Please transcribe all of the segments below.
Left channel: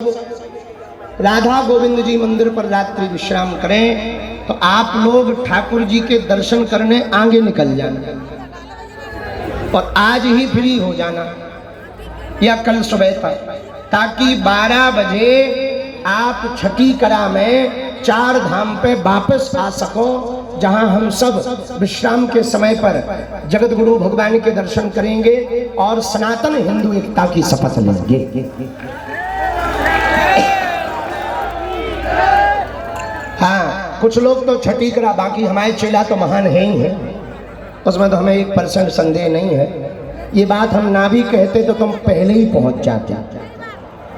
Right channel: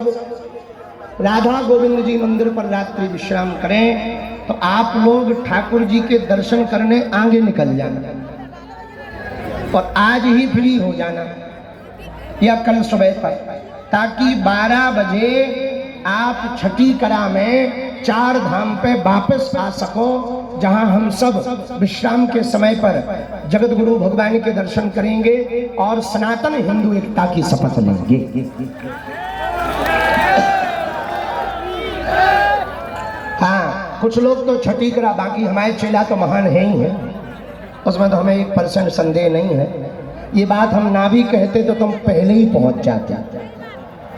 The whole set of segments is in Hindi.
राधा गोविंद जी मंदिर पर रात्रि विश्राम करें तो आप लोग ठाकुर जी के दर्शन करने आगे निकल जाना और आज ही फ्री हो जाना या कल सुबह तक, ताकि 12 बजे आप छठी कला में 4 धाम पे वापस आ सको, जहां हम सब विश्राम के समय पर जगत गुरु भगवान के दर्शन करेंगे और सनातन हिंदू एकता की शपथ लेंगे। हाँ, कुछ लोग तो छठी करा, बाकी हमारे चेला तो महान है ही है, उसमें तो हमें 1% संदेह नहीं है। ये बात हम ना भी कहते तो तुम पहले ही पहुंच जाते,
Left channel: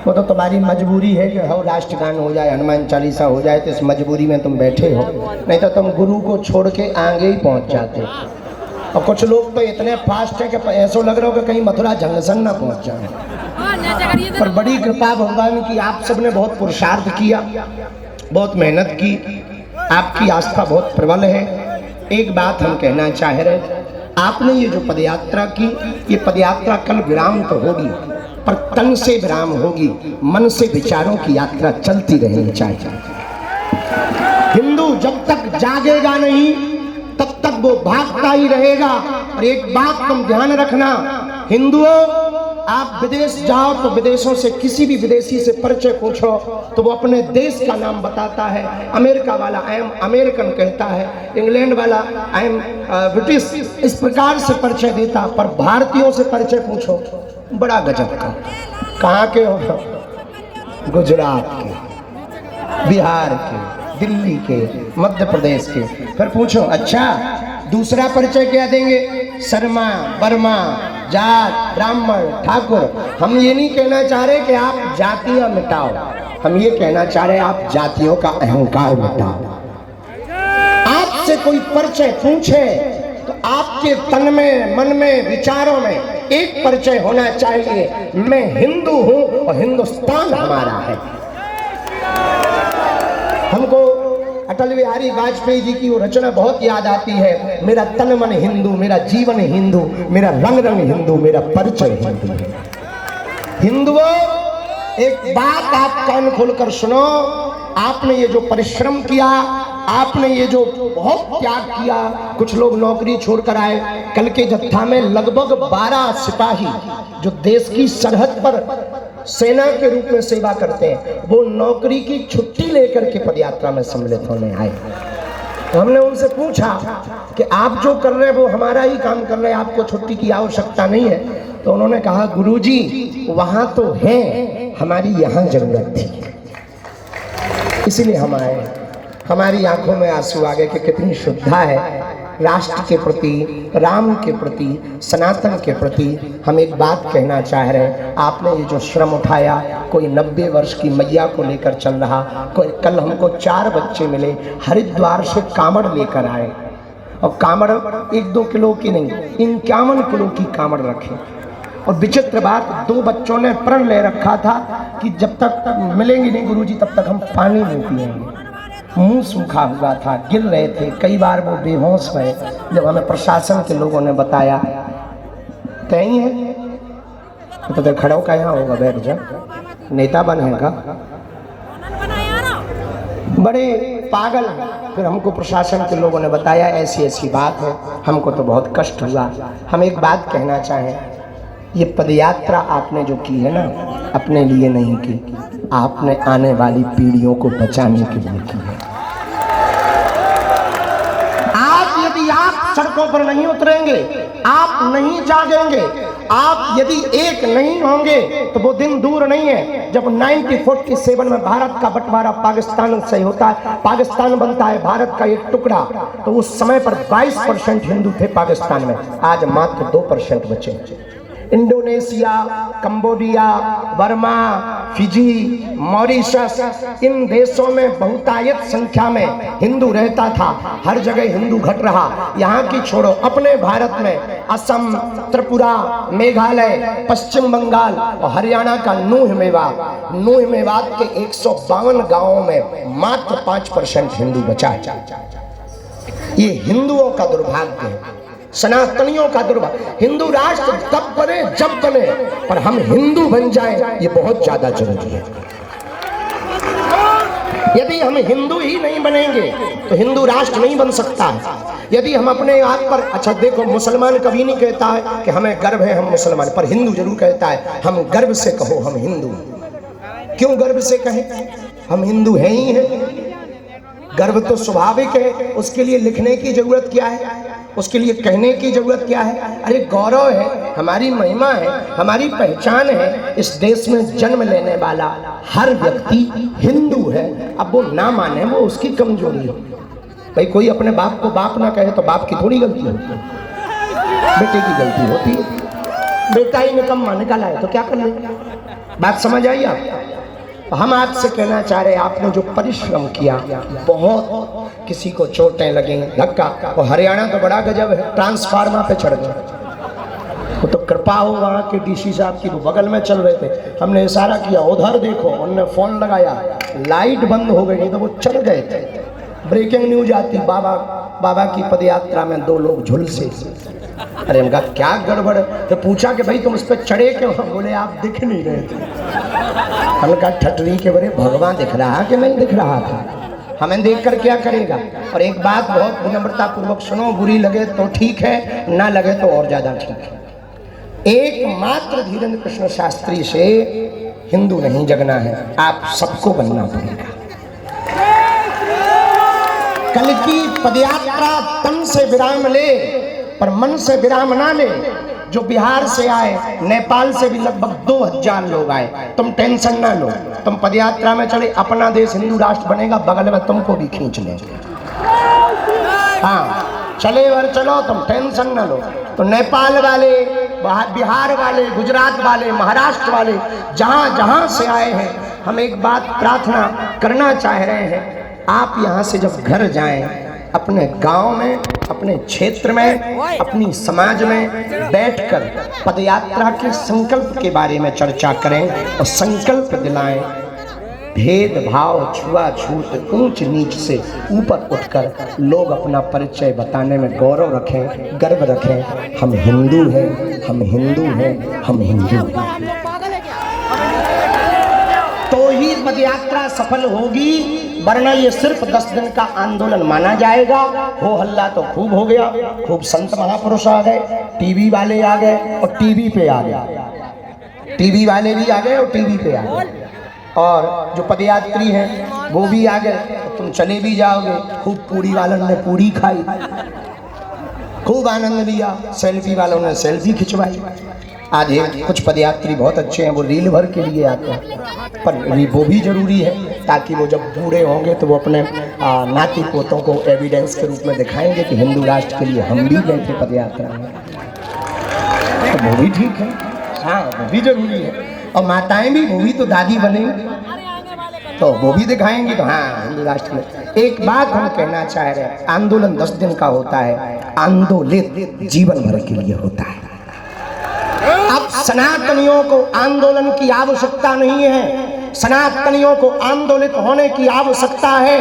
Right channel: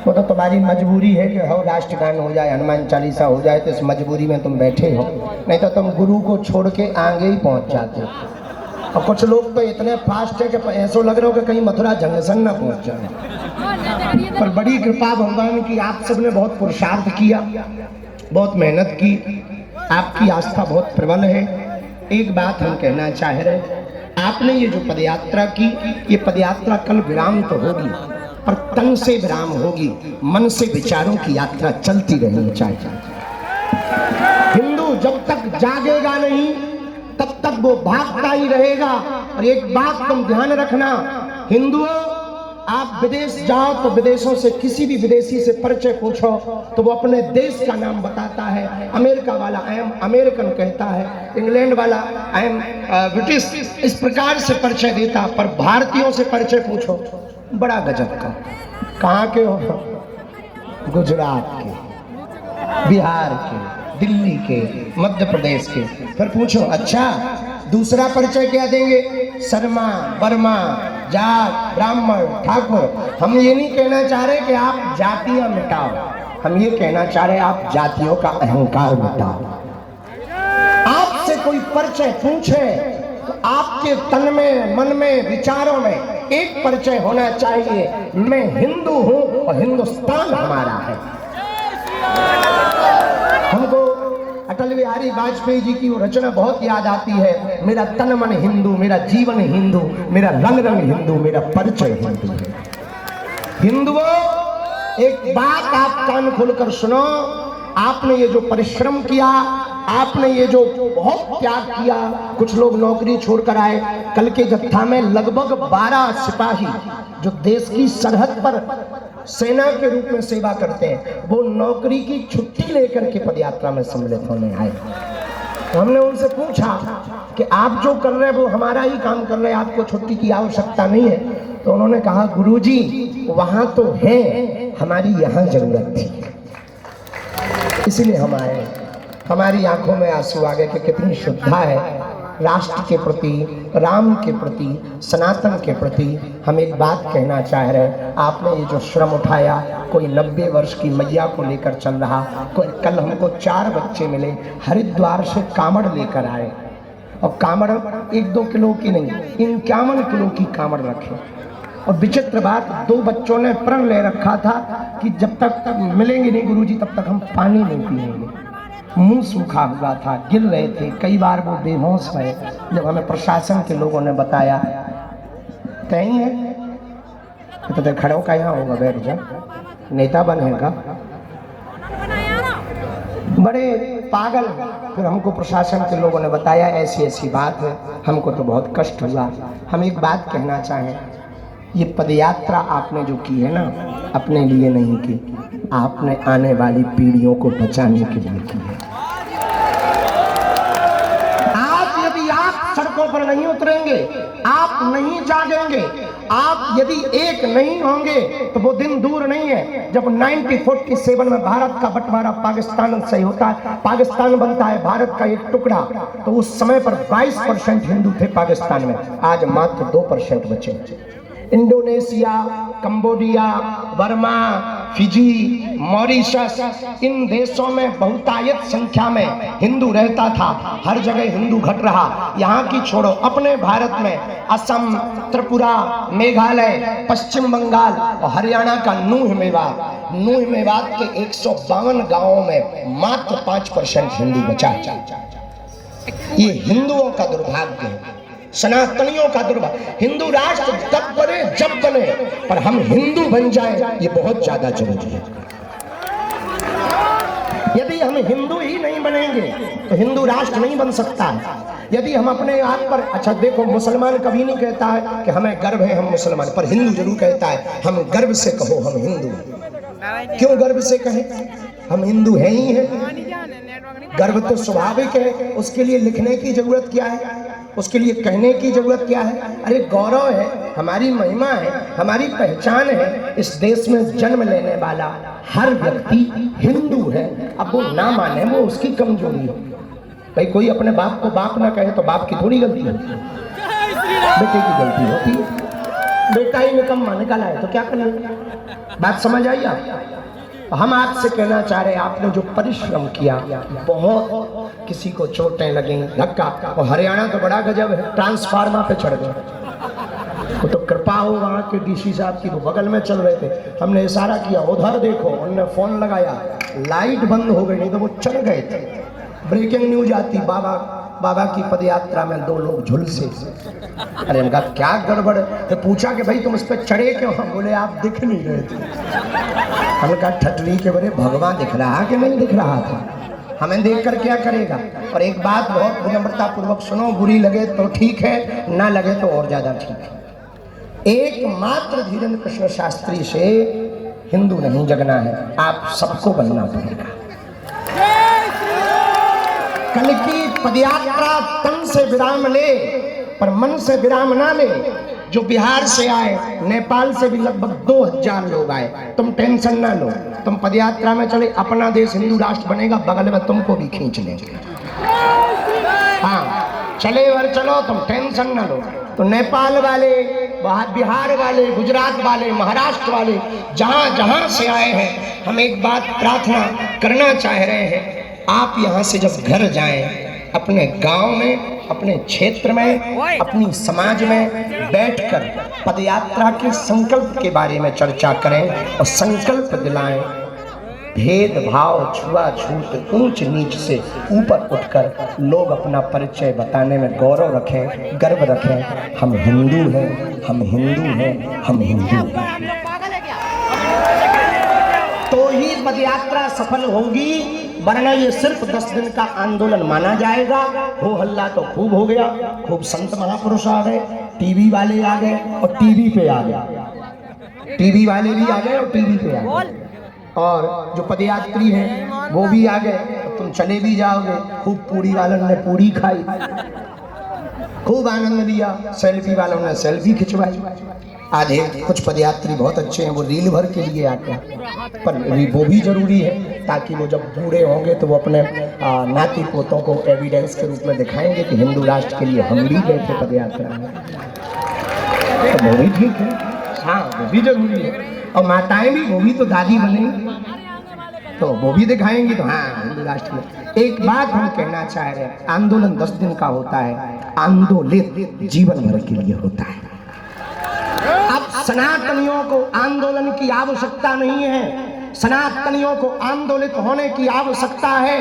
वो तो तुम्हारी मजबूरी है कि हो राष्ट्रगान हो जाए, हनुमान चालीसा हो जाए, तो इस मजबूरी में तुम बैठे हो, नहीं तो तुम गुरु को छोड़ के आगे ही पहुंच जाते। और कुछ लोग तो इतने फास्ट है कि ऐसा लग रहा हो कि कहीं मथुरा जंक्शन ना पहुंच जाए। पर बड़ी कृपा भगवान की, आप सबने बहुत पुरुषार्थ किया, बहुत मेहनत की, आपकी आस्था बहुत प्रबल है। एक बात हम कहना चाह रहे, आपने ये जो पदयात्रा की, ये पदयात्रा कल विराम तो होगी, पर तन से विराम होगी, मन से विचारों की यात्रा चलती रहनी चाहिए। हिंदू जब तक जागेगा नहीं तब तक वो भागता ही रहेगा। और एक बात तुम ध्यान रखना, हिंदुओं, आप विदेश जाओ तो विदेशों से किसी भी विदेशी से परिचय पूछो तो वो अपने देश का नाम बताता है। अमेरिका वाला आई एम अमेरिकन कहता है, इंग्लैंड वाला आई एम ब्रिटिश, इस प्रकार से परिचय देता। पर भारतीयों से परिचय पूछो, बड़ा गजब का, कहाँ के हो? गुजरात के, बिहार के, दिल्ली के, मध्य प्रदेश के। फिर पूछो अच्छा दूसरा परिचय क्या देंगे? शर्मा, वर्मा, जाट, ब्राह्मण, ठाकुर। हम ये नहीं कहना चाह रहे कि आप जातियां मिटाओ, हम ये कहना चाह रहे आप जातियों का अहंकार मिटाओ। आपसे कोई परिचय पूछे तो आपके तन में, मन में, विचारों में एक परिचय होना चाहिए, मैं हिंदू हूं और हिंदुस्तान हमारा है। हमको अटल बिहारी वाजपेयी जी की वो रचना बहुत याद आती है, मेरा तन मन हिंदू, मेरा जीवन हिंदू, मेरा रंग रंग हिंदू, मेरा परिचय हिंदू है। हिंदुओं, एक बात आप कान खोलकर सुनो, आपने ये जो परिश्रम किया, आपने ये जो बहुत त्याग किया, कुछ लोग नौकरी छोड़कर आए, कल के जत्था में लगभग 12 सिपाही जो देश की सरहद पर सेना के रूप में सेवा करते हैं, वो नौकरी की छुट्टी लेकर के पदयात्रा में सम्मिलित होने आए। तो हमने उनसे पूछा कि आप जो कर रहे हैं वो हमारा ही काम कर रहे हैं, आपको छुट्टी की आवश्यकता नहीं है। तो उन्होंने कहा गुरुजी वहां तो है, हमारी यहाँ जरूरत थी, इसीलिए हम आए। हमारी आंखों में आंसू आ गए कि कितनी श्रद्धा है राष्ट्र के प्रति, राम के प्रति, सनातन के प्रति। हम एक बात कहना चाह रहे हैं, आपने ये जो श्रम उठाया, कोई 90 वर्ष की मैया को लेकर चल रहा, कोई कल हमको 4 बच्चे मिले हरिद्वार से कांवड़ लेकर आए, और कांवड़ 1-2 किलो की नहीं, 51 किलो की कांवड़ रखे। और विचित्र बात, 2 बच्चों ने प्रण ले रखा था कि जब तक मिलेंगे नहीं गुरुजी तब तक हम पानी नहीं पिएंगे। मुंह सूखा हुआ था, गिर रहे थे, कई बार वो बेहोश हुए। जब हमें प्रशासन के लोगों ने बताया कहीं है तो खड़ा का यहाँ होगा, बैठ जा, नेता बनेगा, बड़े पागल। फिर हमको प्रशासन के लोगों ने बताया ऐसी ऐसी बात है, हमको तो बहुत कष्ट हुआ। हम एक बात कहना चाहें, ये पदयात्रा आपने जो की है ना, अपने लिए नहीं की, आपने आने वाली पीढ़ियों को बचाने के लिए की है। आज यदि आप सड़कों पर नहीं उतरेंगे, आप नहीं जागेंगे, आप यदि एक नहीं होंगे तो वो दिन दूर नहीं है जब 1947 में भारत का बंटवारा पाकिस्तान से होता है, पाकिस्तान बनता है भारत का एक टुकड़ा, तो उस समय पर 22% हिंदू थे पाकिस्तान में, आज मात्र 2% बचे। Indonesia, Cambodia, Burma, Fiji, Mauritius, इन देशों में बहुतायत संख्या में हिंदू रहता था, हर जगह हिंदू घट रहा। यहाँ की छोड़ो, अपने भारत में असम, त्रिपुरा, मेघालय, पश्चिम बंगाल और हरियाणा का नूह मेवात के 152 गांवों में मात्र 5% हिंदू बचा। ये हिंदुओं का दुर्भाग्य है, सनातनियों का दुर्भाग्य। हिंदू राष्ट्र तब बने जब बने, पर हम हिंदू बन जाएं ये बहुत ज्यादा जरूरी है। हिंदू ही नहीं बनेंगे तो हिंदू राष्ट्र नहीं बन सकता। यदि हम अपने आप पर, अच्छा देखो, मुसलमान कभी नहीं कहता है कि हमें गर्व है हम मुसलमान, पर हिंदू जरूर कहता है हम गर्व से कहो हम हिंदू। क्यों गर्व से कहें? हम हिंदू हैं ही हैं। गर्व तो स्वाभाविक है, उसके लिए लिखने की जरूरत क्या है, उसके लिए कहने की जरूरत क्या है? अरे गौरव है, हमारी महिमा है, हमारी पहचान है। इस देश में जन्म लेने वाला हर व्यक्ति हिंदू है। अब वो ना माने वो उसकी कमजोरी है। भाई कोई अपने बाप को बाप ना कहे तो बाप की थोड़ी गलती होती है, बेटे की गलती होती है। बेटा ही निकम्मा निकाला है तो क्या करिए? बात समझ आई आप? हम आपसे कहना चाह रहे हैं, आपने जो परिश्रम किया, बहुत किसी को चोटें लगें, धक्का, और हरियाणा तो बड़ा गजब है, ट्रांसफार्मर पे चढ़ गए। वो तो कृपा हो वहाँ के डीसी साहब की, वो बगल में चल रहे थे, हमने इशारा किया उधर देखो, उन्होंने फोन लगाया, लाइट बंद हो गई, नहीं तो वो चढ़ गए थे। ब्रेकिंग न्यूज आती, बाबा की पदयात्रा में 2 लोग झुलसे। अरे इनका क्या गड़बड़? तो पूछा कि भाई तुम इस पर चढ़े क्यों? बोले आप दिख नहीं रहे थे। हमने कहा ठटरी के बड़े भगवान दिख रहा कि नहीं दिख रहा था, हमें देखकर क्या करेगा? और एक बात बहुत विनम्रता पूर्वक सुनो, बुरी लगे तो ठीक है, ना लगे तो और ज्यादा ठीक है। एकमात्र धीरेन्द्र कृष्ण शास्त्री से हिंदू नहीं जगना है, आप सबको बनना पड़ेगा। कल की पदयात्रा तन से विराम ले पर मन से विराम ना ले। जो बिहार से आए, नेपाल से भी लगभग 2000 लोग आए, तुम टेंशन ना लो। तुम पदयात्रा में चले, अपना देश हिंदू राष्ट्र बनेगा, बगल में तुमको भी खींच लेंगे। हाँ चले और चलो, तुम टेंशन ना लो। तो नेपाल वाले, बिहार वाले, गुजरात वाले, महाराष्ट्र वाले, जहाँ जहाँ से आए हैं, हम एक बात प्रार्थना करना चाह रहे हैं, आप यहाँ से जब घर जाएं, अपने गांव में, अपने क्षेत्र में, अपनी समाज में बैठकर पदयात्रा के संकल्प के बारे में चर्चा करें और संकल्प दिलाएं। भेदभाव, छुआछूत, ऊंच नीच से ऊपर उठकर लोग अपना परिचय बताने में गौरव रखें, गर्व रखें। हम हिंदू हैं, हम हिंदू हैं, हम हिंदू हैं। तो ही पदयात्रा सफल होगी, वरना ये सिर्फ 10 दिन का आंदोलन माना जाएगा। हो हल्ला तो खूब हो गया, खूब संत महापुरुष आ गए, टीवी वाले आ गए और टीवी पे आ गए, टीवी वाले भी आ गए और टीवी पे आ गए, और जो पदयात्री हैं वो भी आ गए। तुम चले भी जाओगे, खूब पूरी वालों ने पूरी खाई, खूब आनंद लिया, सेल्फी वालों ने सेल्फी खिंचवाई। आधे कुछ पदयात्री बहुत अच्छे हैं, वो रील भर के लिए आते हैं, पर वो भी जरूरी है ताकि वो जब बूढ़े होंगे तो वो अपने नाती पोतों को एविडेंस के रूप में दिखाएंगे कि हिंदू राष्ट्र के लिए हम भी गए थे पदयात्रा में। तो वो भी ठीक है, हाँ वो भी जरूरी है। और माताएं भी, वो भी तो दादी बनेंगी, तो वो भी दिखाएंगे तो हाँ हिंदू राष्ट्र में। एक बात हम कहना चाह रहे हैं, आंदोलन 10 दिन का होता है, आंदोलित जीवन भर के लिए होता है। अब सनातनियों को आंदोलन की आवश्यकता नहीं है, सनातनियों को आंदोलित होने की आवश्यकता है।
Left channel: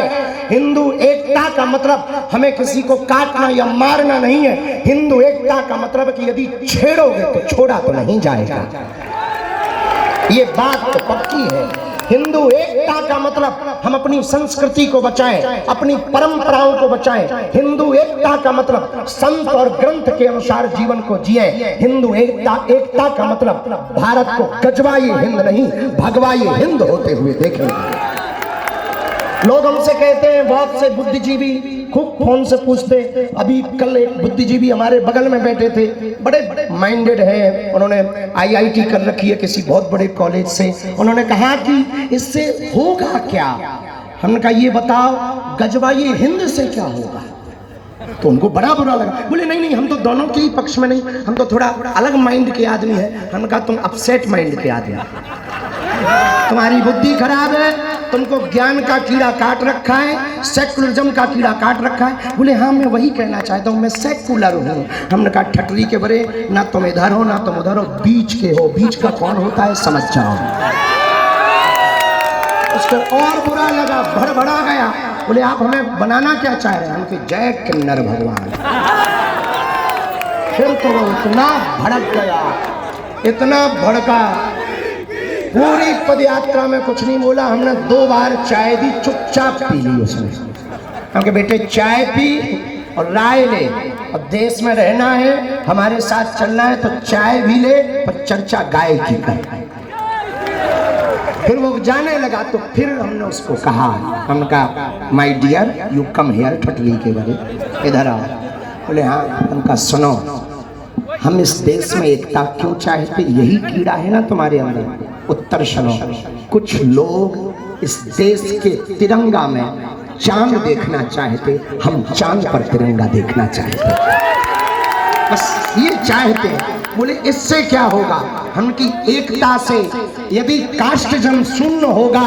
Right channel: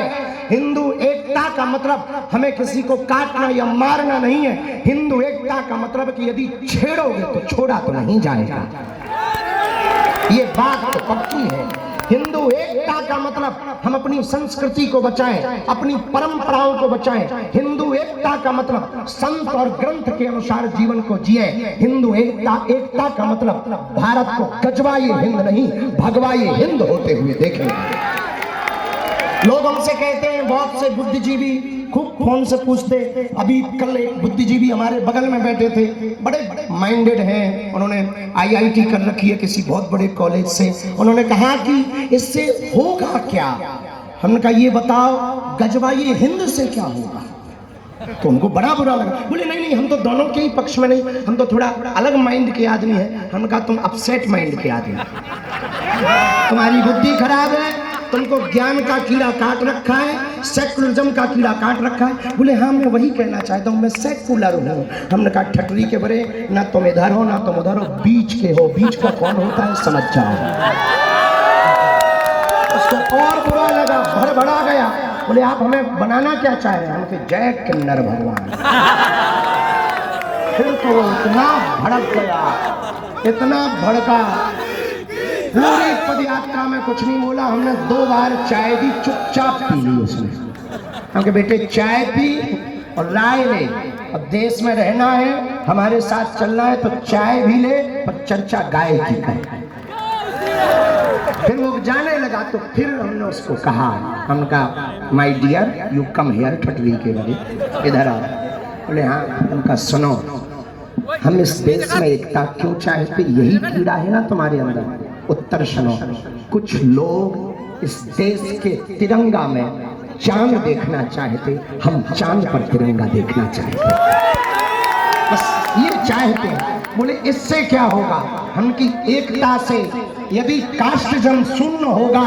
हिंदू एकता का मतलब हमें किसी को काटना या मारना नहीं है। हिंदू एकता का मतलब कि यदि छेड़ोगे तो छोड़ा तो नहीं जाएगा, ये बात तो पक्की है। हिंदू एकता का मतलब हम अपनी संस्कृति को बचाएं, अपनी परंपराओं को बचाएं। हिंदू एकता का मतलब संत और ग्रंथ के अनुसार जीवन को जिए। हिंदू एकता का मतलब भारत को गजवाए हिंद नहीं, भगवाए हिंद होते हुए देखेंगे। लोग हमसे कहते हैं, बहुत से बुद्धिजीवी खूब फोन से पूछते। अभी कल एक बुद्धिजीवी हमारे बगल में बैठे थे, बड़े माइंडेड हैं, उन्होंने IIT कर रखी है किसी बहुत बड़े कॉलेज से। उन्होंने कहा कि इससे होगा क्या? हमने कहा ये बताओ, गजवाए हिंद से क्या होगा? तो उनको बड़ा बुरा लगा, बोले नहीं हम तो दोनों के ही पक्ष में नहीं, हम तो थोड़ा अलग माइंड के आदमी हैं। हमने कहा तुम अपसेट माइंड के आदमी, तुम्हारी बुद्धि खराब है, तुमको ज्ञान का कीड़ा काट रखा है, सेकुलरिज्म का कीड़ा काट रखा है। बोले हाँ मैं वही कहना चाहता हूँ, मैं सेकुलर हूँ। हमने कहा ठटरी के बड़े, ना तुम इधर हो ना तुम उधर हो, बीच के हो। बीच का कौन होता है समझ जाओ। उसको और बुरा लगा, भड़बड़ा गया। बोले आप हमें बनाना क्या चाह रहे हैं? हम कहे जय किन्नर भगवान। फिर तो इतना भड़क गया, इतना भड़का पूरी पद यात्रा में कुछ नहीं बोला, हमने 2 बार चाय दी, चुपचाप पी ली उसने। हम कहे बेटे चाय पी और राय ले, और देश में रहना है, हमारे साथ चलना है, तो चाय भी ले पर चर्चा गाय की कर। फिर वो जाने लगा तो फिर हमने उसको कहा, हमने कहा my dear you come here, ठटली के बड़े इधर आ। बोले हाँ। उनका सुनो, हम इस देश में एकता क्यों चाहते, यही कीड़ा है ना तुम्हारे अंदर। उत्तर सुनो, कुछ लोग इस देश के तिरंगा में चांद देखना चाहते, हम चांद पर तिरंगा देखना चाहते, बस ये चाहते हैं। बोले इससे क्या होगा, हमकी एकता से यदि कास्टिज्म शून्य होगा,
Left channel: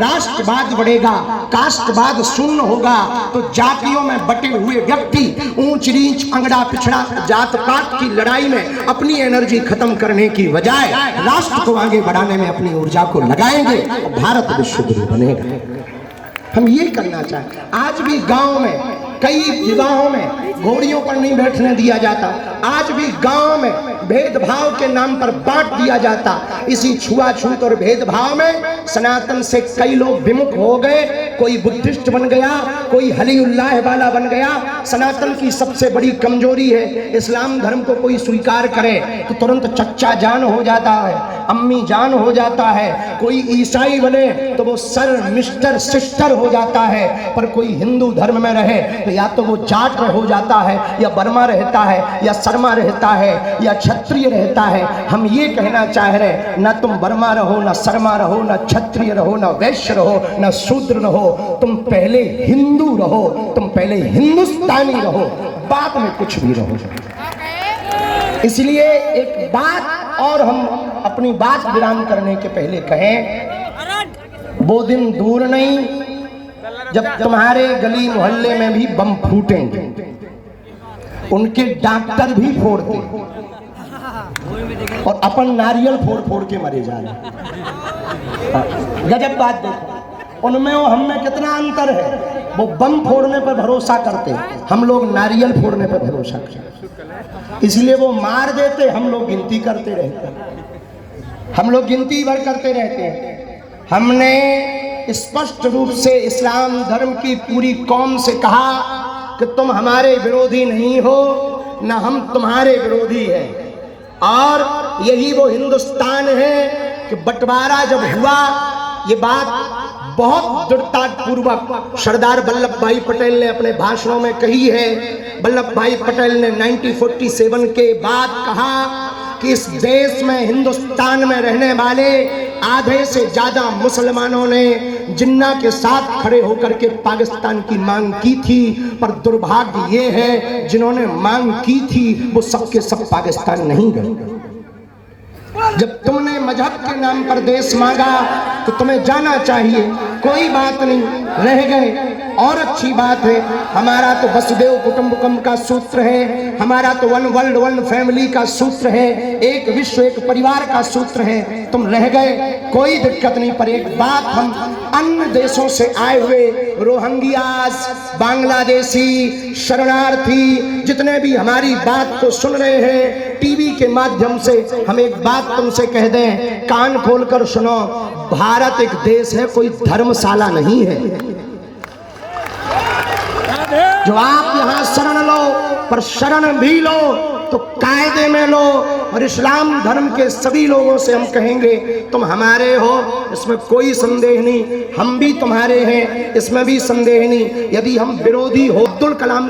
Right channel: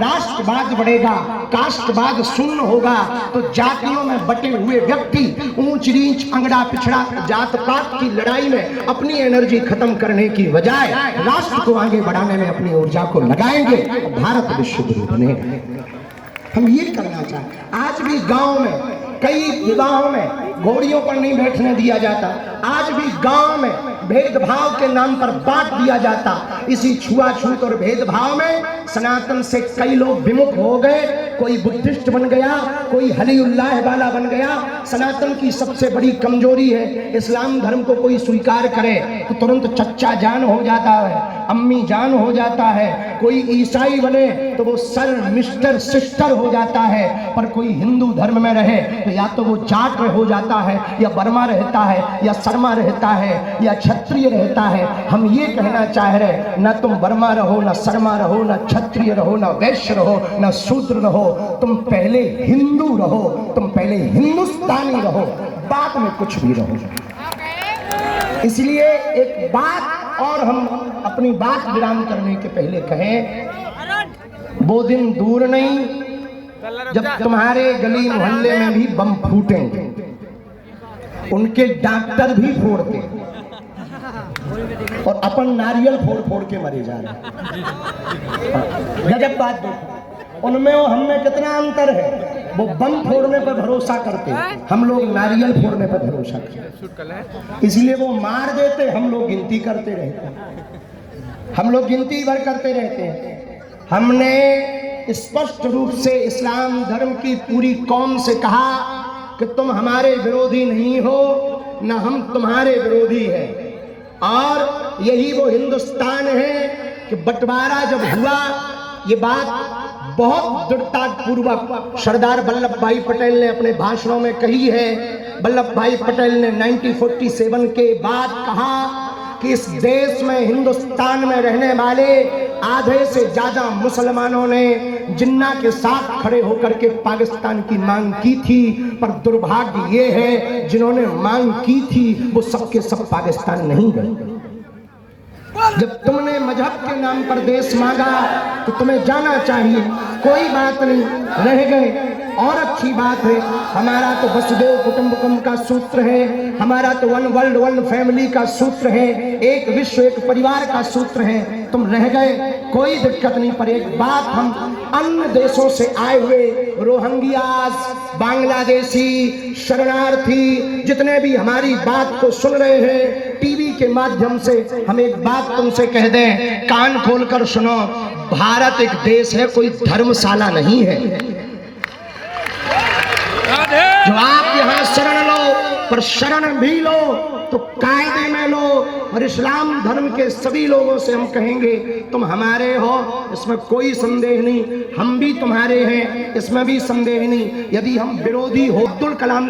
राष्ट्रवाद बढ़ेगा, कास्टवाद शून्य होगा, तो जातियों में बटे हुए व्यक्ति ऊंच नीच अंगड़ा पिछड़ा जात पात की लड़ाई में अपनी एनर्जी खत्म करने की बजाय राष्ट्र को आगे बढ़ाने में अपनी ऊर्जा को लगाएंगे, भारत विश्व गुरु बनेगा। हम ये करना चाहते। आज भी गांव में कई विवाहों में घोड़ियों पर नहीं बैठने दिया जाता, आज भी गांव में भेदभाव के नाम पर बांट दिया जाता। इसी छुआछूत और भेदभाव में सनातन से कई लोग विमुख हो गए, कोई बुद्धिस्ट बन गया, कोई हलीउल्लाह वाला बन गया। सनातन की सबसे बड़ी कमजोरी है, इस्लाम धर्म को कोई स्वीकार करे तो तुरंत चच्चा जान हो जाता है, अम्मी जान हो जाता है। कोई ईसाई बने तो वो सर मिस्टर सिस्टर हो जाता है, पर कोई हिंदू धर्म में रहे तो या तो वो जाट हो जाता है, या बर्मा रहता है, या शर्मा रहता है, या क्षत्रिय रहता है। हम ये कहना चाह रहे, ना तुम बर्मा रहो, ना शर्मा रहो, ना क्षत्रिय रहो, ना वैश्य रहो, ना शूद्र रहो, तुम पहले हिंदू रहो, तुम पहले हिंदुस्तानी रहो, बाद में कुछ भी रहो। इसलिए एक बात और हम अपनी बात विराम करने के पहले कहें, वो दिन दूर नहीं जब तुम्हारे गली मोहल्ले में भी बम फूटेंगे, उनके डॉक्टर भी फोड़ते और अपन नारियल फोड़ फोड़ के मरे जा रहे। गजब बात देखो, उनमें और हमें कितना अंतर है। वो बम फोड़ने पर भरोसा करते, हम लोग नारियल फोड़ने पर भरोसा करते। इसलिए वो मार देते, हम लोग गिनती करते रहते, हम लोग गिनती भर करते रहते हैं। हमने स्पष्ट रूप से इस्लाम धर्म की पूरी कौम से कहा कि तुम हमारे विरोधी नहीं हो, न हम तुम्हारे विरोधी हैं। और यही वो हिंदुस्तान है कि बंटवारा जब हुआ, ये बात बहुत दृढ़ता पूर्वक सरदार वल्लभ भाई पटेल ने अपने भाषणों में कही है। वल्लभ भाई पटेल ने 1947 के बाद कहा कि इस देश में, हिंदुस्तान में रहने वाले आधे से ज्यादा मुसलमानों ने जिन्ना के साथ खड़े होकर के पाकिस्तान की मांग की थी, पर दुर्भाग्य ये है जिन्होंने मांग की थी वो सबके सब पाकिस्तान नहीं गए। जब तुमने मजहब के नाम पर देश मांगा तो तुम्हें जाना चाहिए, कोई बात नहीं, रह गए और अच्छी बात है। हमारा तो वसुदेव कुटुंबकम का सूत्र है, हमारा तो वन वर्ल्ड वन फैमिली का सूत्र है, एक विश्व एक परिवार का सूत्र है। तुम रह गए, कोई दिक्कत नहीं। पर एक बात, हम अन्य देशों से आए हुए रोहिंग्यास, बांग्लादेशी, शरणार्थी जितने भी हमारी बात को सुन रहे हैं टीवी के माध्यम से, हम एक बात तुमसे कह दें, कान खोलकर सुनो, भारत एक देश है, कोई धर्मशाला नहीं है। जो आप यहाँ शरण लो, पर शरण भी लो तो कायदे में लो। और इस्लाम धर्म के सभी लोगों से हम कहेंगे, तुम हमारे हो, इसमें कोई संदेह नहीं, हम भी तुम्हारे हैं, इसमें भी संदेह नहीं। यदि हम विरोधी हो, अब्दुल कलाम